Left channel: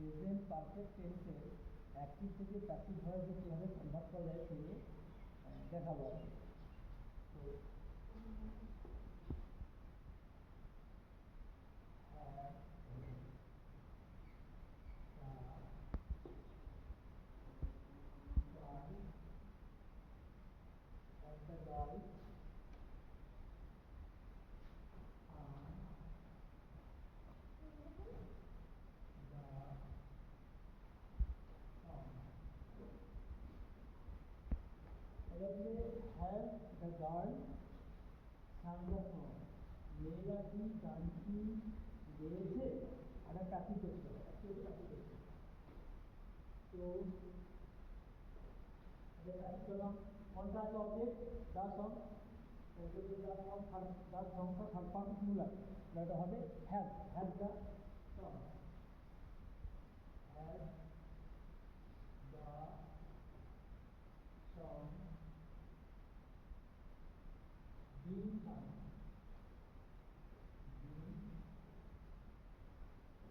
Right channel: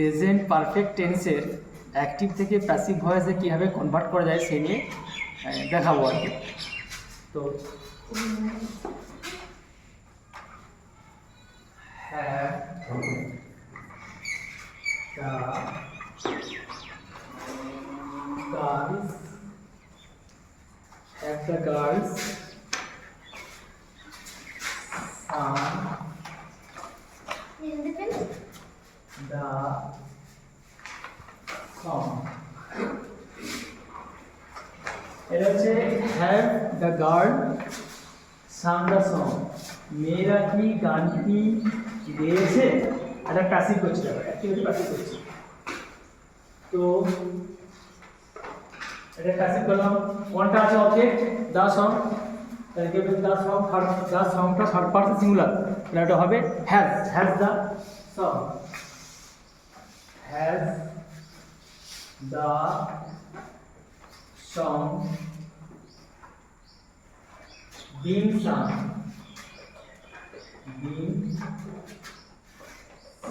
Present perfect টেন্সের অ্যাক্টিভ থেকে প্যাসিভ ভয়েসে কীভাবে কনভার্ট করা যায় সেই নিয়ে দেখাবো আর কি। তো have the girls sung the song. এটা হচ্ছে have the girl sung the song. মেয়েরা কি গানটি গেয়েছে? এটা প্যাসিভ করছে, অ্যাক্টিভিটি প্যাসিভ করছে। তো এটা প্যাসিভ করলাম। কোনটা আছে অবজেক্ট? দা সং। তাহলে কি হবে? দা সংটা থার্ড পারসন সিঙ্গুলার, এটা হবে has the song, has the song been sung, been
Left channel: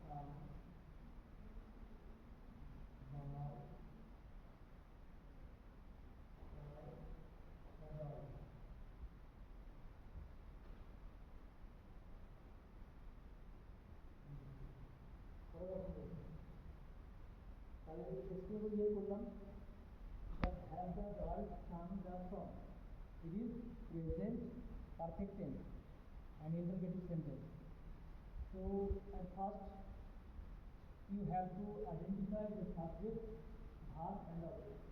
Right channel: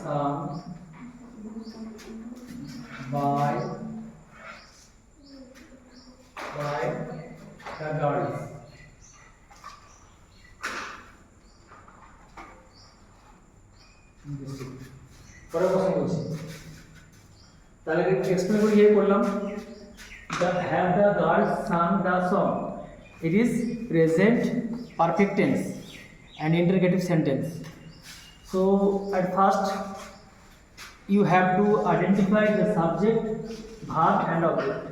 sung by the girls. পরের প্রশ্ন বলছি, তাহলে এক্সপ্লেন করে ইয়ে করলাম। The have the girls sung the song. It is present perfect tense and interrogative sentence. So at first you have to identify the subject, verb and object.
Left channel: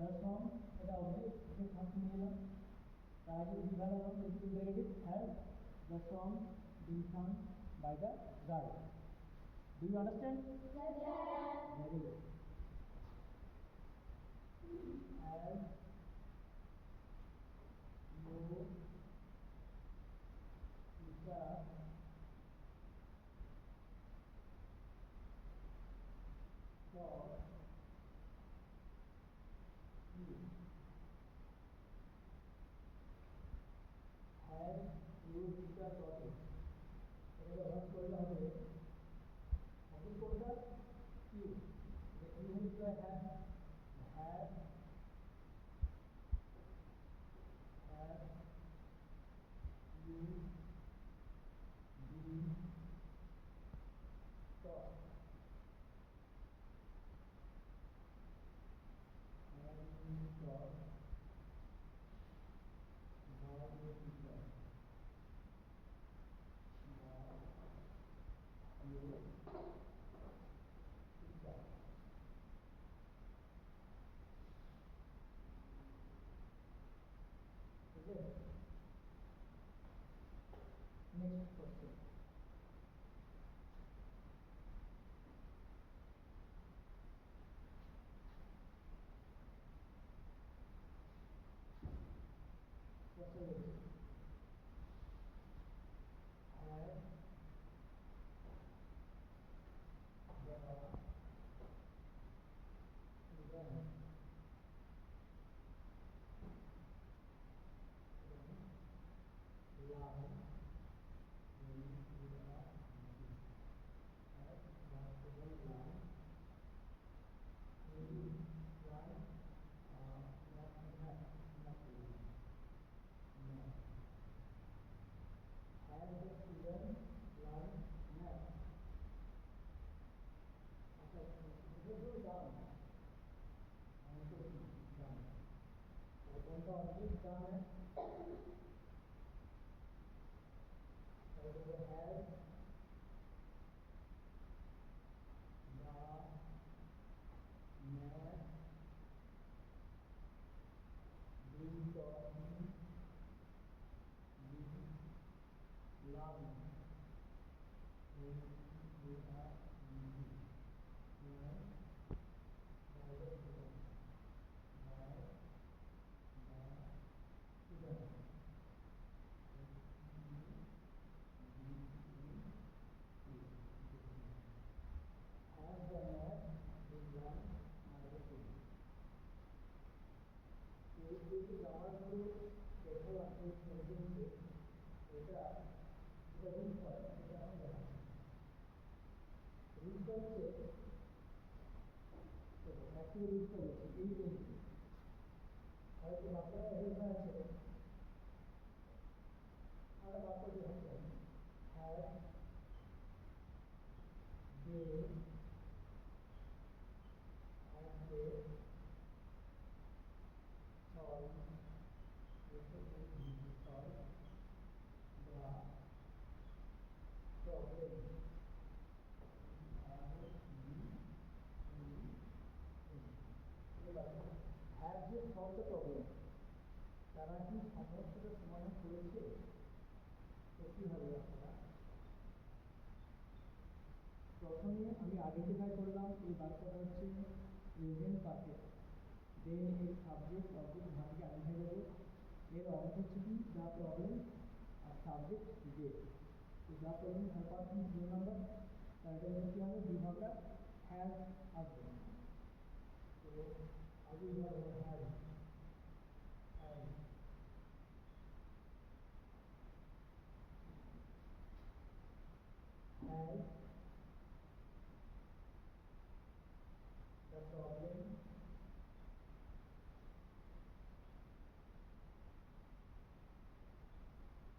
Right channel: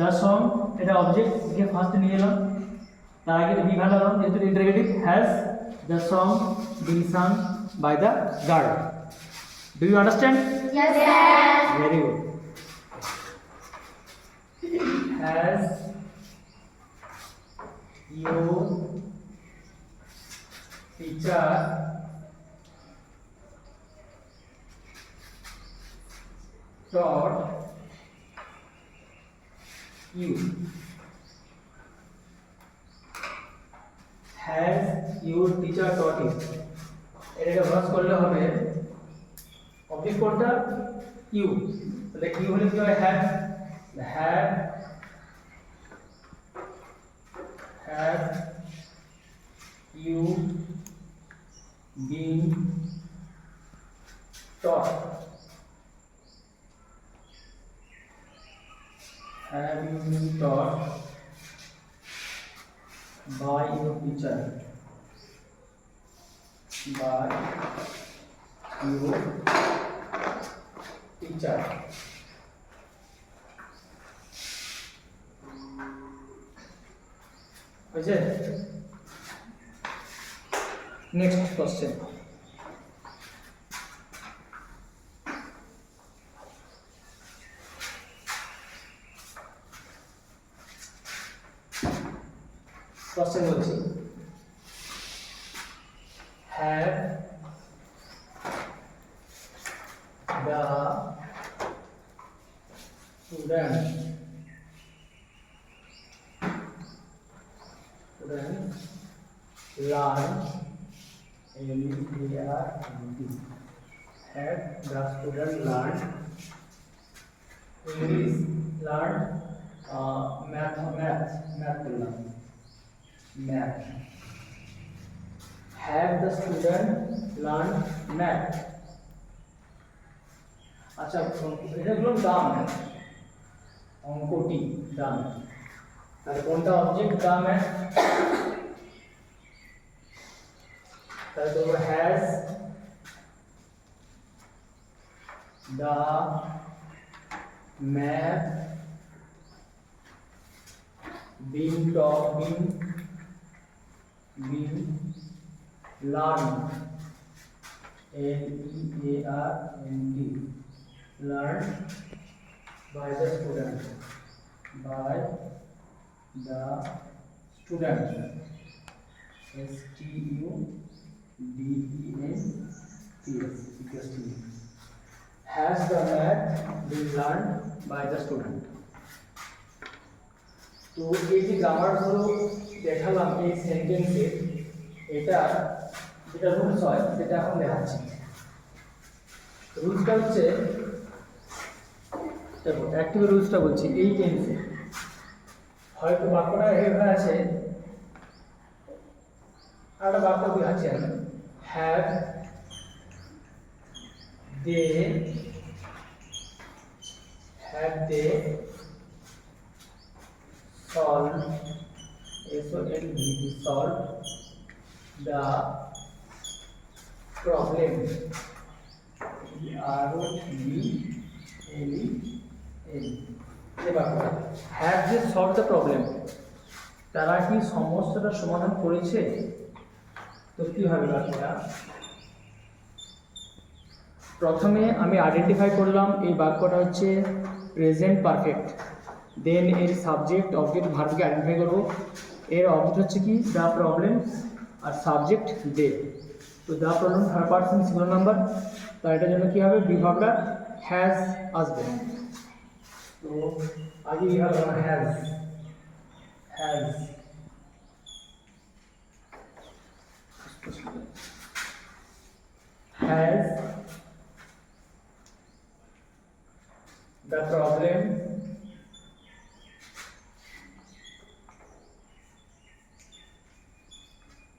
The song এটা object কে ফার্স্ট নিয়ে এলাম, তার আগে বি ভালো হলাম যেহেতু interrogative. Has the song been sung by the girl. Do you understand? Yes, sir. Very good. Has your teacher taught you? Has your teacher taught you? এটা ভাঁজ করলে হবে অবজেক্ট কোনটা? ইউ। তাহলে ইউ হলে কি হয়? Have you been taught? Have you been taught by your teacher? By your teacher. Okay. Next question. Question বলছি, have the student learn L-E-A-R-N-D. Have the student learn English, learn math করলাম, math. Have the student learn math? আচ্ছা, এটা হলো দাম, অঙ্কটি দাম। তাহলে কোনটা অবজেক্ট? দাম। তাহলে তো has the math been learned, L-E-A-R-N-D, learned by the student, S-T-U-D-E-N-T-S. Has the math been learned by the student? তো এই যে গ্রামারগুলো দেখালাম এই সেন্টেন্সে, এটা যেটা রুলস হয় সেটা এখন দেখাচ্ছি। তো রুলসটা হচ্ছে, দেখো অ্যাক্টিভ রুলসটা বলছি এই টেন্সে হয়তো বাক্যটা এভাবে আছে, আর একটা বাক্য দেখাচ্ছি আমি, have they solved, S-O-L-V-E, solved the problem, R-O-P-L-E-M, যে বাক্যটা have they solve the problem, তারা কি সমস্যাটা সমাধান করেছে? তো কি হবে বাক্যটা? প্রথমে আমি আইডেন্টিফাই করলাম এই বাক্যটা হচ্ছে প্রেজেন্ট পারফেক্ট, দেন এর সাবজেক্ট অবজেক্ট ভার্বকে আইডেন্টিফাই করবো। এর অবজেক্ট হচ্ছে কি দ্য প্রবলেম, আর সাবজেক্ট দে। তো the problem third person singular number, তার এটার জন্য কী হবে, বিভাগটা হ্যাজ আসবে। তো আগে বিভাগ has,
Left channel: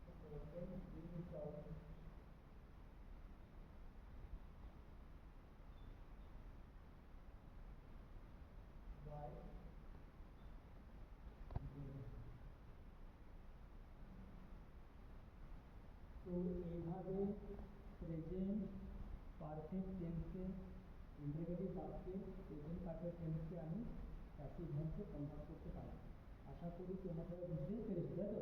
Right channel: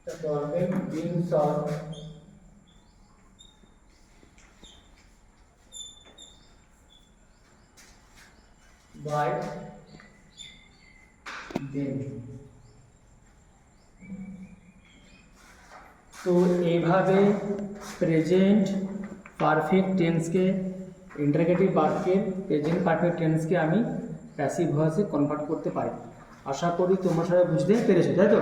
the problem being solved by them। তো এইভাবে প্রেজেন্ট পারফেক্ট টেন্সকে, ইন্টারগেটিভ বাক্যের প্রেজেন্ট পারফেক্ট টেন্সকে আমি প্যাসিভ ভয়েসে কনভার্ট করতে পারি। আশা করি তোমরা সবাই বুঝতে পেরেছো, তাই তো?